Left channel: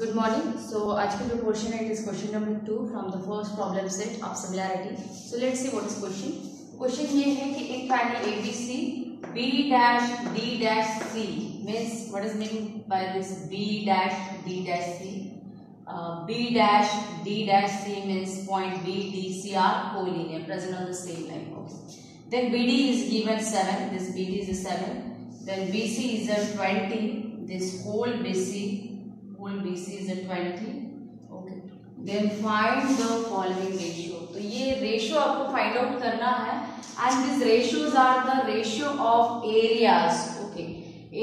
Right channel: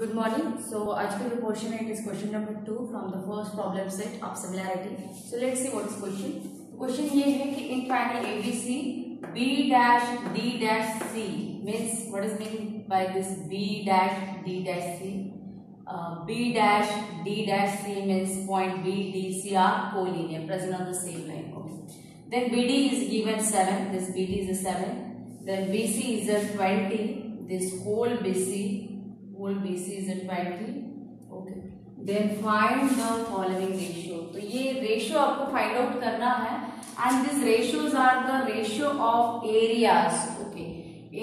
Good morning. सो आज का जो क्वेश्चन है it is question number 2 from the first problem set of similarity. So let's see what is question. Question ये है कि in triangle ABC B dash D dash C means what is mean by this B dash D dash C. B dash D dash C means point B D C are collinear present on the same line. Okay. Then BD is given 7. This BD is a 7. Then BC is a 20. This whole BC is a 20. Okay. Then find the following ratio. तो ये ratio आपको find out करना है and these ratios are the ratio of areas. Okay.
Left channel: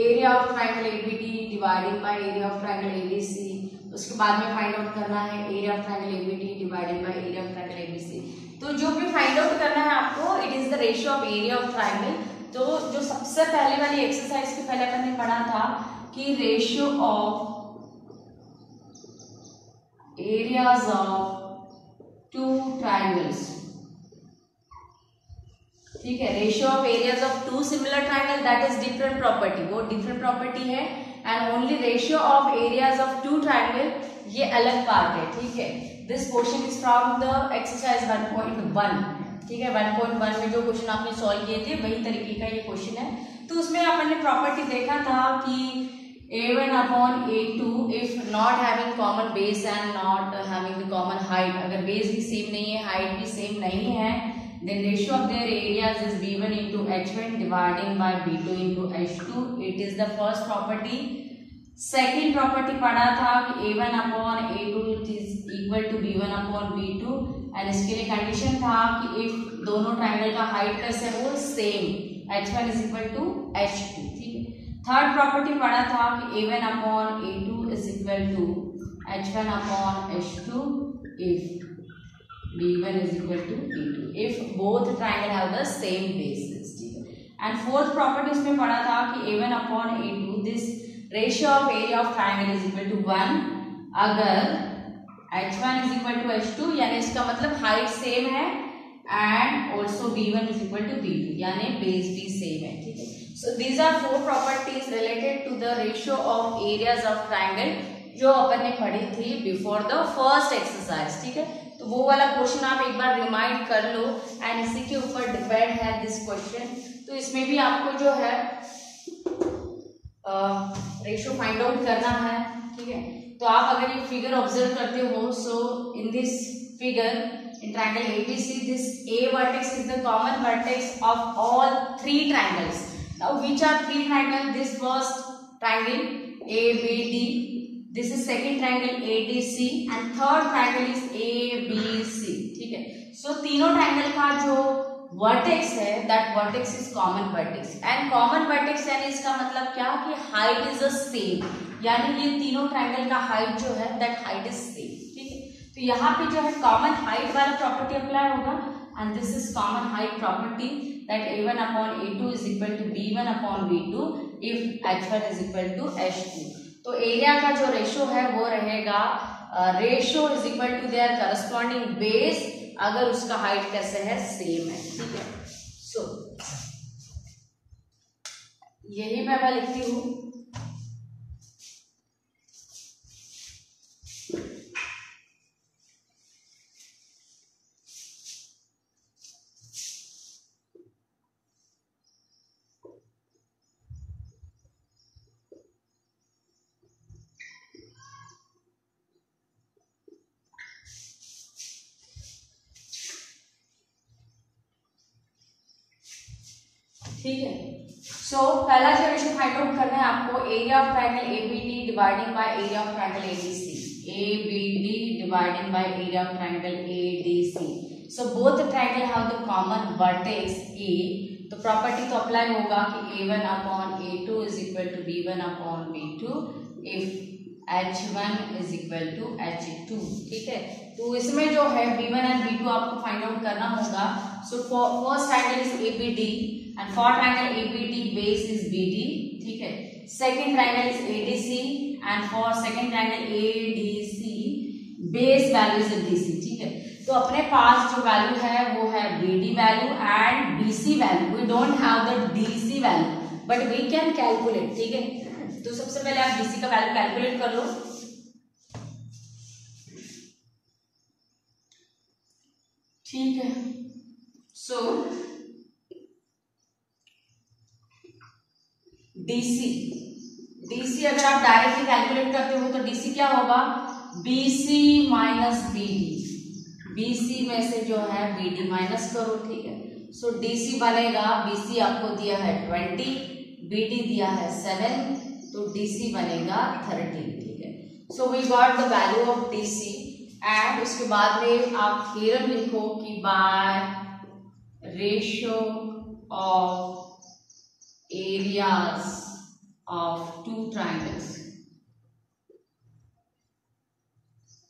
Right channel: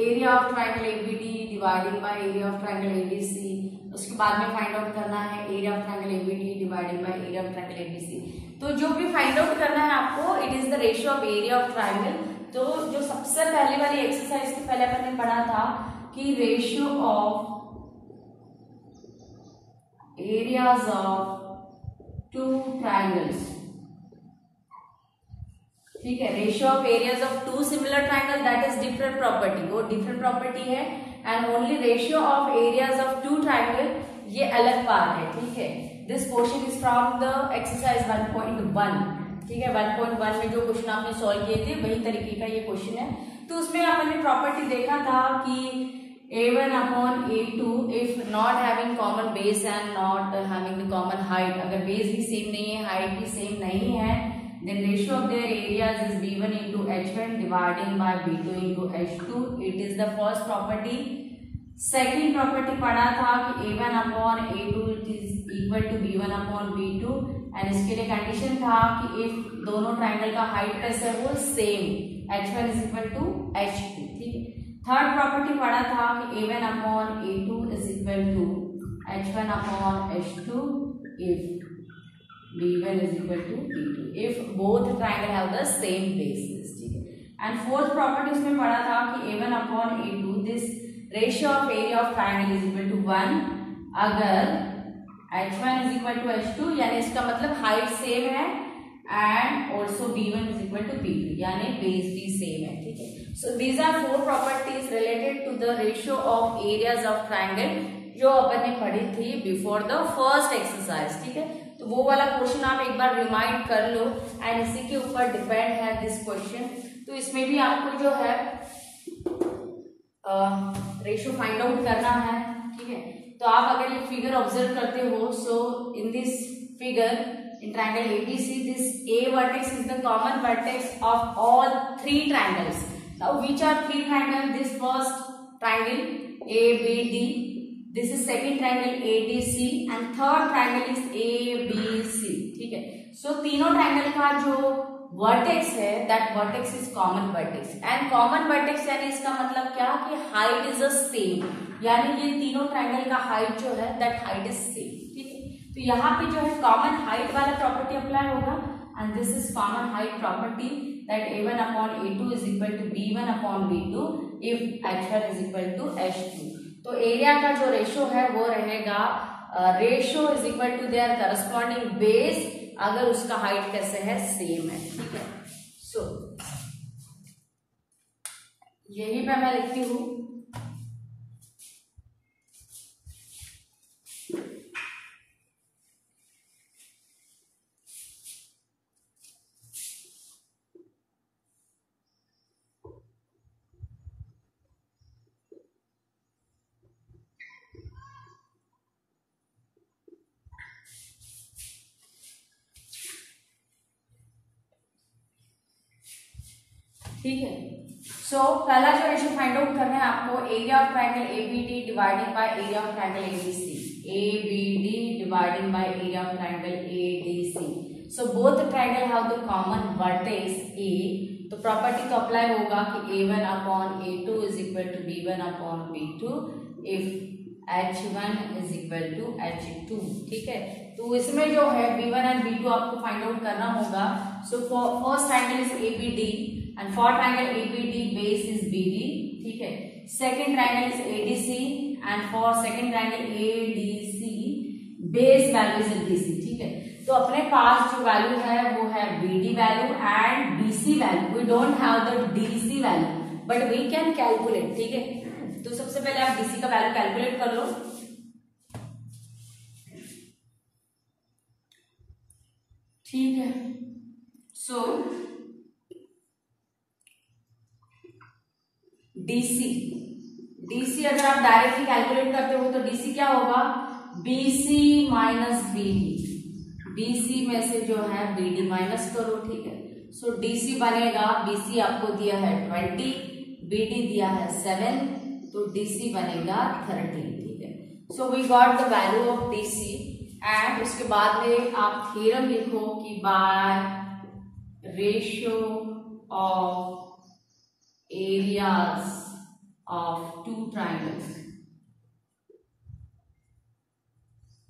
Area of triangle ABD divided by area of triangle ABC. उसके बाद में find out करना है area of triangle ABD divided by area of triangle ABC. तो जो भी find out करना है आपको it is the ratio of area of triangle. तो जो सबसे पहले वाली एक्सरसाइज के पहले अपन ने पढ़ा था कि ratio of areas of two triangles, ठीक है। Ratio of areas of two similar triangle that is different property, वो डिफरेंट प्रॉपर्टी है। And only ratio of areas of two triangle ये अलग पार्ट है, ठीक है। This question is from the exercise 1.1, ठीक है। 1.1 में जो क्वेश्चन आपने सॉल्व किए थे वही तरीके का ये क्वेश्चन है। तो उसमें अपन ने प्रॉपर्टी देखा था कि a1 upon a2 if not having common base and not having the common height, अगर बेस भी सेम नहीं है हाइट भी सेम नहीं है, then ratio of their areas is b1 into h1 dividing by b2 into h2. It is the first property. Second property पढ़ा था कि a1 upon a2 it is equal to b1 upon b2 and इसके लिए condition था कि if दोनों triangle का height कैसे हो same h1 is equal to h2, ठीक है। थर्ड प्रॉपर्टी पढ़ा था कि a1 upon a2 is equal to h1 upon h2 if b1 is equal to b2 if both triangle have the same basis, ठीक है। And fourth property उसमें पढ़ा था कि a1 upon a2 this ratio of area of triangle is equal to 1 अगर h1 is equal to h2 यानी इसका मतलब हाइट सेम है and also b1 is equal to b2 यानी बेस भी सेम है, ठीक है। So these are four properties related to the ratio of areas of triangle जो अपन ने पढ़ी थी बिफोर द फर्स्ट एक्सरसाइज, ठीक है। तो वो वाला क्वेश्चन आप एक बार रिमाइंड कर लो एंड इसी के ऊपर डिपेंड है दिस क्वेश्चन। तो इसमें भी आपको जो है रेशियो फाइंड आउट करना है, ठीक है। तो आप अगर ये फिगर ऑब्जर्व करते हो so in this figure in triangle ABC this A vertex is the common vertex of all three triangles. Now which are three triangle? This first triangle ABD, this is second triangle ADC and third triangle is ABC, ठीक है। So तीनों triangle का जो vertex है that vertex is common vertex and common vertex यानी इसका मतलब क्या कि हाइट इज द सेम, यानी ये तीनों ट्रायंगल का हाइट जो है दैट हाइट इज सेम, ठीक है। तो यहाँ पे जो है कॉमन हाइट वाला प्रॉपर्टी अप्लाई होगा and this is common height property that a1 upon a2 is equal to b1 upon b2 if h1 is equal to h2। तो एरिया का जो रेशियो है वो रहेगा ratio is equal to their corresponding base अगर उसका height कैसे है सेम है, ठीक है। सो यही पे मैं लिखती हूं ठीक है। सो पहला जो रेशियो फाइंड आउट करना है आपको area of triangle ABD dividing by area of triangle ADC, ABD dividing by area of triangle ADC. So both triangle have the common vertex A, तो प्रॉपर्टी तो अप्लाई होगा कि a1 upon a2 is equal to b1 upon b2 if h1 is equal to h2, ठीक है। तो इसमें जो है b1 एंड b2 आपको फाइंड आउट करना होगा। So first triangle is ABD and for triangle ABD base is BD, ठीक है। second triangle is ADC and for second triangle ADC base value is DC, ठीक है। तो अपने पास जो वैल्यू है वो है BD value and BC value, we don't have the DC value but we can calculate, ठीक है। तो सबसे पहले आप BC का वैल्यू कैलकुलेट कर लो। ठीक है। सो डीसी अगर आप डायरेक्टली कैलकुलेट करते हो तो डीसी क्या होगा, बीसी माइनस बीडी, बीसी में से जो है बीडी माइनस करो, ठीक है। सो डीसी बनेगा, बीसी आपको दिया है 20, बीडी दिया है 7, तो डीसी बनेगा 13, ठीक है। So we got the value of DC and उसके बाद में आप थ्योरम लिखो कि by ratio of areas of two triangles.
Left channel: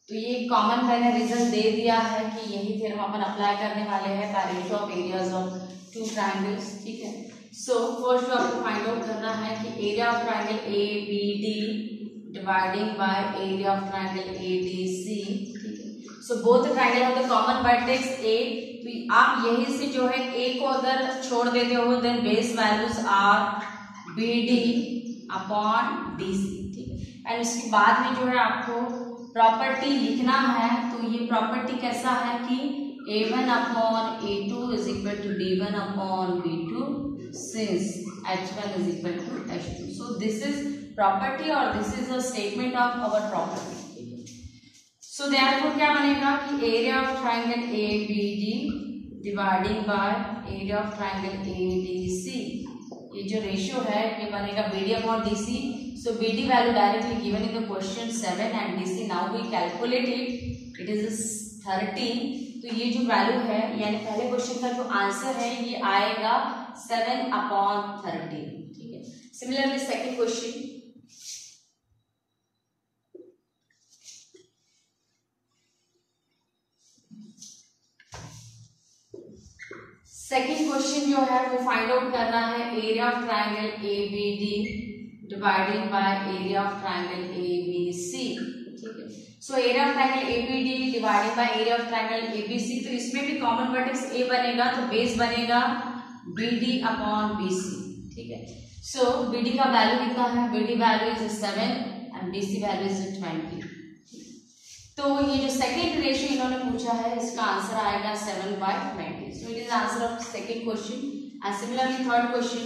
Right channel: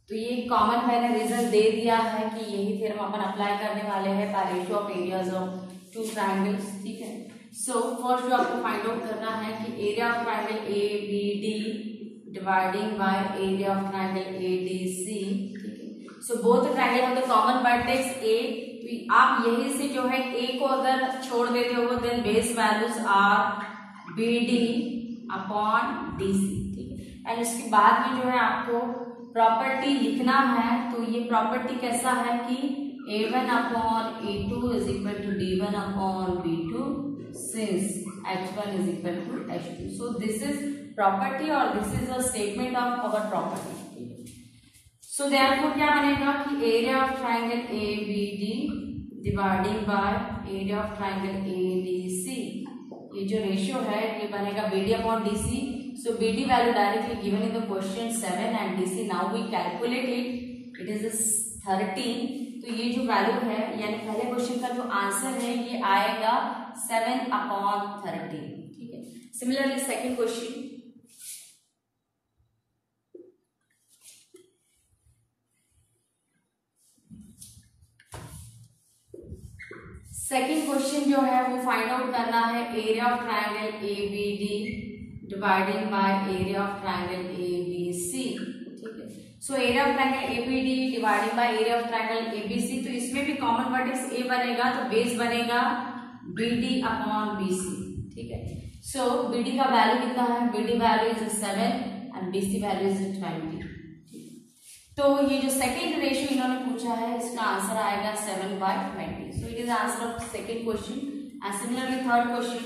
तो ये कॉमन मैंने रिजल्ट दे दिया है कि यही थ्योरम अपन अप्लाई करने वाले हैं by ratio of areas of two triangles, ठीक है। सो फर्स्ट आपको फाइंड आउट करना है कि area of triangle A B D dividing by area of triangle A D C, ठीक है। So both triangle have the common vertex A, तो आप यही से जो है ए को अगर छोड़ देते हो then base values are B D upon D C, ठीक है। एंड इसके बाद में जो है आपको प्रॉपर्टी लिखना है, तो ये प्रॉपर्टी कैसा है कि a1 upon a2 is equal to d1 upon b2 since h1 is equal to h2। So this is property और this is a statement of our property. So therefore क्या बनेगा कि area of triangle A B D dividing by area of triangle A D C, ये जो ratio है ये बनेगा B D upon D C. So BD value directly given in the question 7 and DC now we calculate it, it is 13। तो ये जो value है यानी पहले क्वेश्चन का जो आंसर है ये आएगा 7 अपॉन 13, ठीक है। Similarly second question, second question जो है वो फाइंड आउट करना है area of triangle A B D dividing by area of triangle A B C, ठीक है। So area of triangle A B D dividing by area of triangle A B C, तो इसमें भी common vertex ए बनेगा तो base बनेगा B D upon B C, ठीक है। सो बी डी का वैल्यू कितना है, B D value is 7 and B C value is 20। तो ये जो सेकेंड रेशियो इन्होंने पूछा है इसका आंसर आएगा 7/20। So it is answer of second question. And similarly third question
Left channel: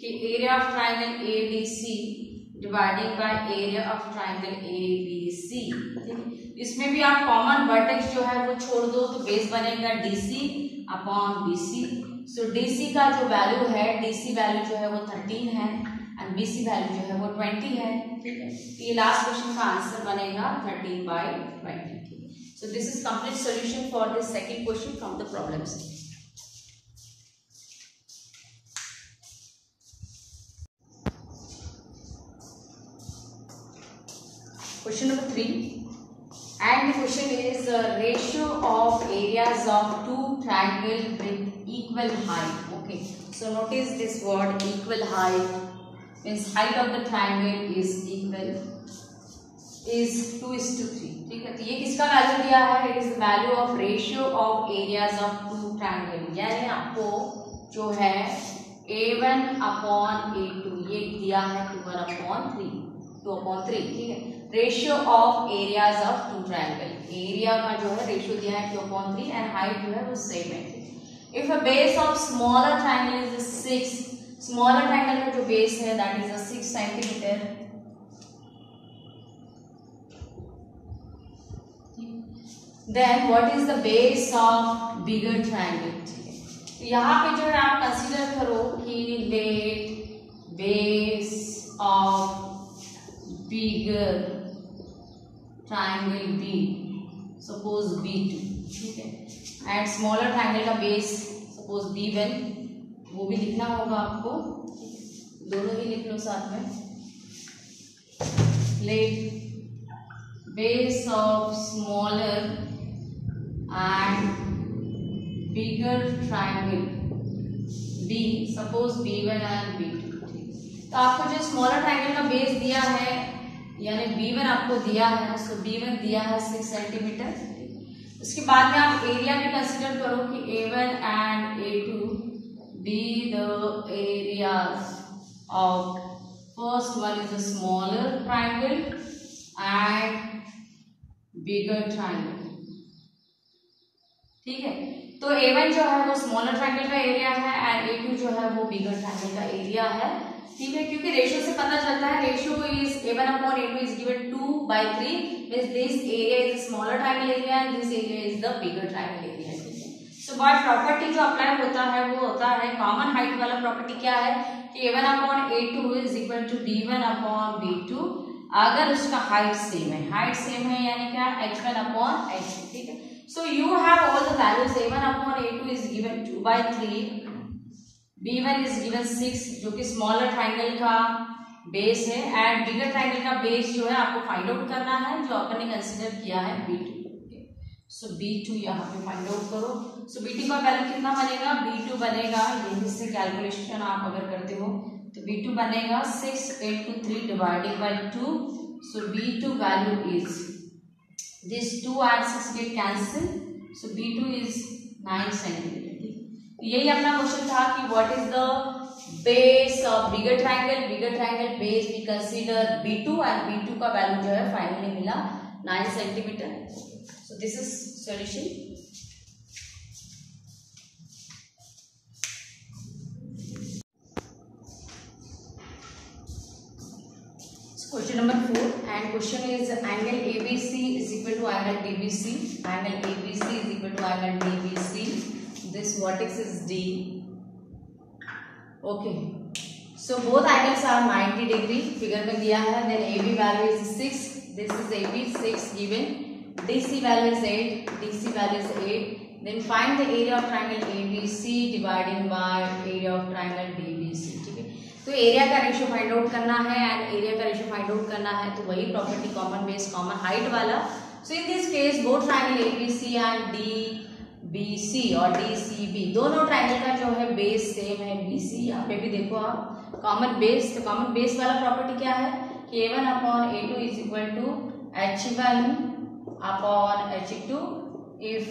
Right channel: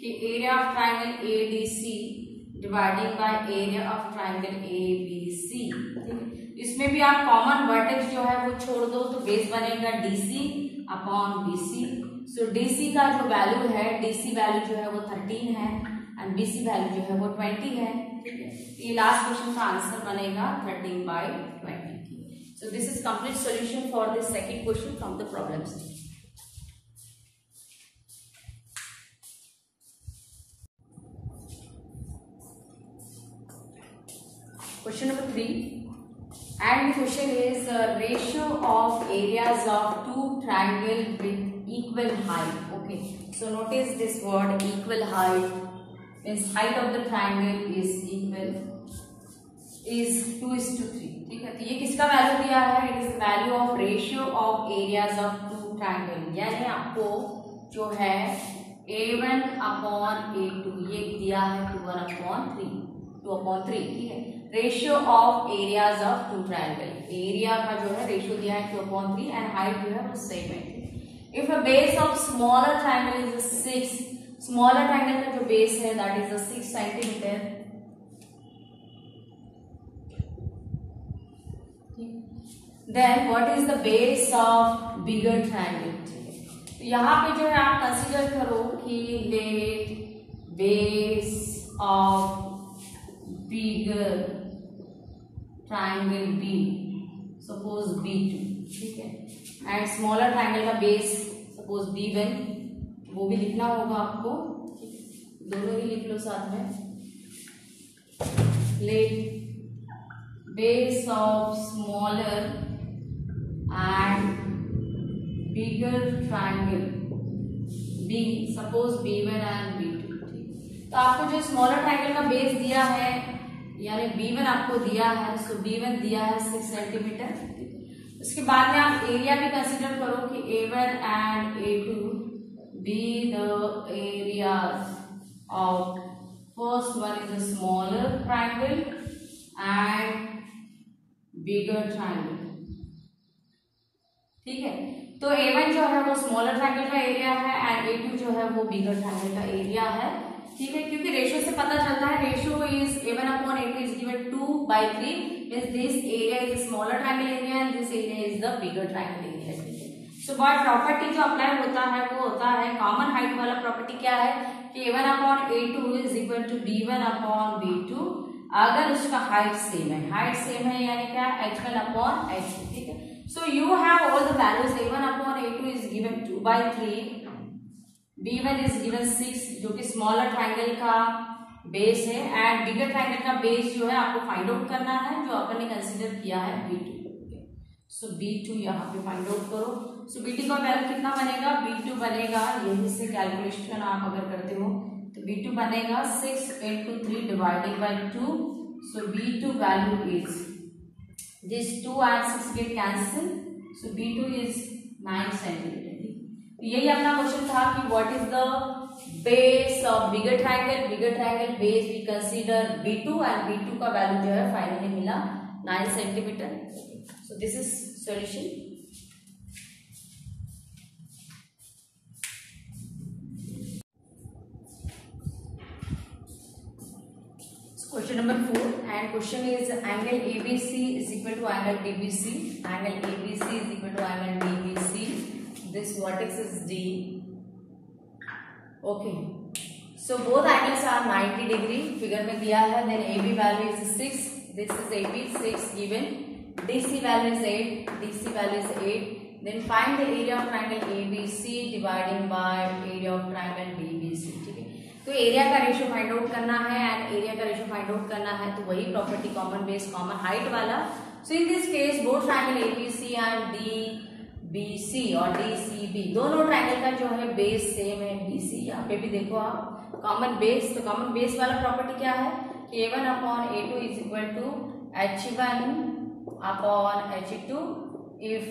कि area of triangle A D C dividing by area of triangle A B C, ठीक है। इसमें भी आप कॉमन वर्टेक्स जो है वो छोड़ दो तो बेस बनेगा डीसी अपॉन बीसी। सो डीसी का जो वैल्यू है, डीसी वैल्यू जो है वो 13 है एंड बीसी वैल्यू जो है वो 20 है, ठीक है। ये लास्ट क्वेश्चन का आंसर बनेगा 13/20। सो this is complete solution for this second question from the problems. Question number 3 and the question is ratio of areas of two triangle with equal height. Okay, so notice this word equal height means height of the triangle is equal is 2:3, ठीक है। तो ये किसका value दिया है, it is value of ratio of areas of two triangle, यानी आपको जो है a1 अपॉन a2 ये दिया है 2/3, ठीक है। Ratio of areas of two triangle, area का जो है रेशियो दिया है 2/3 एंड हाइट जो है वो सेम है। If a base of smaller triangle is 6, smaller triangle का जो बेस है that is 6 centimetre, then what is the base of bigger triangle, ठीक है। तो यहाँ पे जो है आप कंसीडर करो कि let base of bigger triangle be suppose B2, ठीक है। एंड स्मॉलर ट्राइंगल का बेस सपोज B1, वो भी लिखना होगा आपको, दोनों ही लिख लो साथ में। Let base of smaller and bigger triangle B suppose B1 and B2, ठीक। तो आपको जो स्मॉलर ट्राइंगल का बेस दिया है यानी B1 आपको दिया है, सो B1 दिया है 6 सेंटीमीटर। उसके बाद में आप एरिया भी कंसीडर करो कि A1 and A2 be the areas of first one is a smaller triangle and bigger triangle, ठीक है। तो A1 जो है वो स्मॉलर ट्रायंगल का एरिया है एंड A2 जो है वो बिगर ट्रायंगल का एरिया है, ठीक है। क्योंकि रेशियो से पता चलता है, ratio is A1 upon A2 is given 2/3, means this area is smaller triangle area and this area is the bigger triangle area, ठीक है। सो बट प्रॉपर्टी जो अप्लाई होता है वो होता है कॉमन हाइट वाला प्रॉपर्टी क्या है कि A1 upon A2 is equal to B1 upon B2 अगर उसका हाइट सेम है, हाइट सेम है यानी क्या H1 upon H2, ठीक है। So you have all the values. A1 upon A2 is given 2/3, B1 is given 6 जो कि स्मॉलर ट्राइंगल का बेस है एंड बिगर ट्राइंगल का बेस जो है आपको फाइंड आउट करना है जो अपन ने कंसीडर किया है B2। सो B2 यहाँ पे फाइंड आउट करो। सो B2 का वैल्यू कितना बनेगा, B2 बनेगा यही से कैलकुलेशन आप अगर करते हो तो B2 बनेगा 6 into 3 divided by 2। So B2 value is this 2 and 6 get cancel, so B2 is 9 centimeter, ठीक। तो यही अपना क्वेश्चन था कि what is the base of bigger triangle, bigger triangle base we consider B2 and B2 का value जो है finally मिला 9 centimeter। so this is solution। Question number 4 and question is angle ABC is equal to angle DBC. Angle ABC is equal to angle DBC. This vertex is D. Okay. So both angles are 90 degree. Figure में दिया है. Then AB value is 6. This is AB 6 given. DC value is 8. DC value is 8. Then find the area of triangle ABC dividing by area of triangle DBC. ठीक है. तो area का ratio find out करना है and area का ratio find out करना है तो वही property common base common height वाला। So in this case both triangle ABC and DBC और डीसीबी दोनों ट्रायंगल का जो है बेस सेम है बीसी। यहाँ पे भी देखो आप कॉमन बेस, तो कॉमन बेस वाला प्रॉपर्टी क्या है कि A1 upon A2 is equal to H1 upon H2 if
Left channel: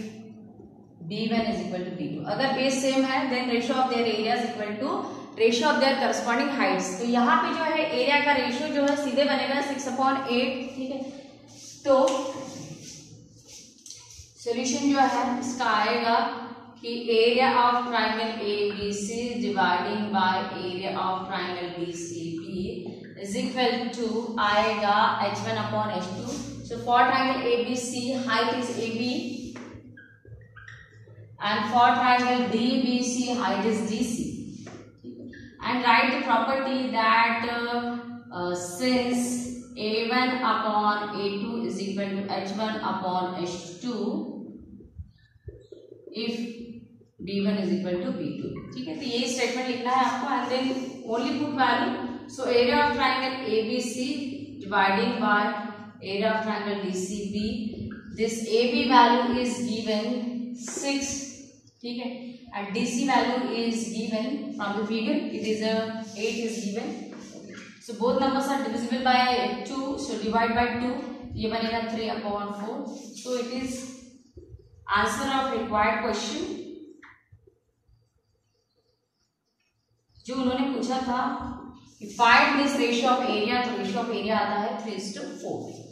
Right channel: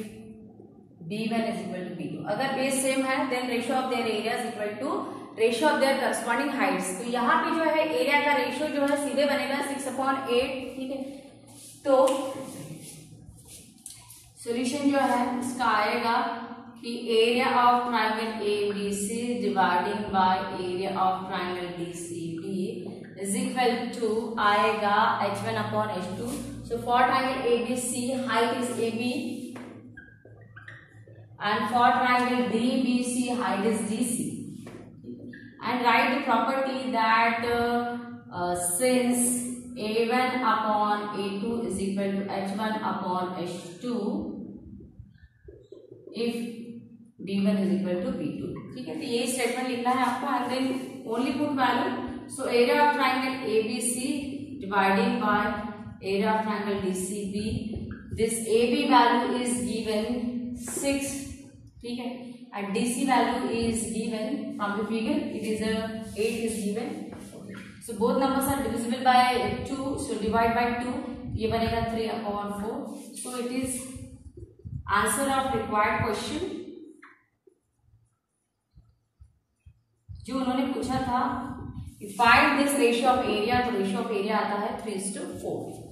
B1 is equal to B2। अगर बेस सेम है then ratio of their area is equal to ratio of their corresponding heights. तो यहाँ पे जो है एरिया का ratio जो है सीधे बनेगा 6/8, ठीक है। तो सॉल्यूशन जो है इसका आएगा कि area of triangle ABC dividing by area of triangle DCB is equal to आएगा H1 upon H2। So for triangle ABC height is AB and for triangle DBC height is DC, and write the property that since A1 upon A2 is equal to H1 upon H2 if B1 is equal to B2, ठीक है। तो ये statement लिखना है आपको and then only put value। so area of triangle ABC dividing by area of triangle DCB, this AB value is given 6, ठीक है, and DC value is given from the figure, it is a 8 is given। so both numbers are divisible by 2, so divide by 2, ये बनेगा 3/4। so it is answer of required question जो उन्होंने पूछा था find this ratio of area, तो ratio of area आता है 3:4।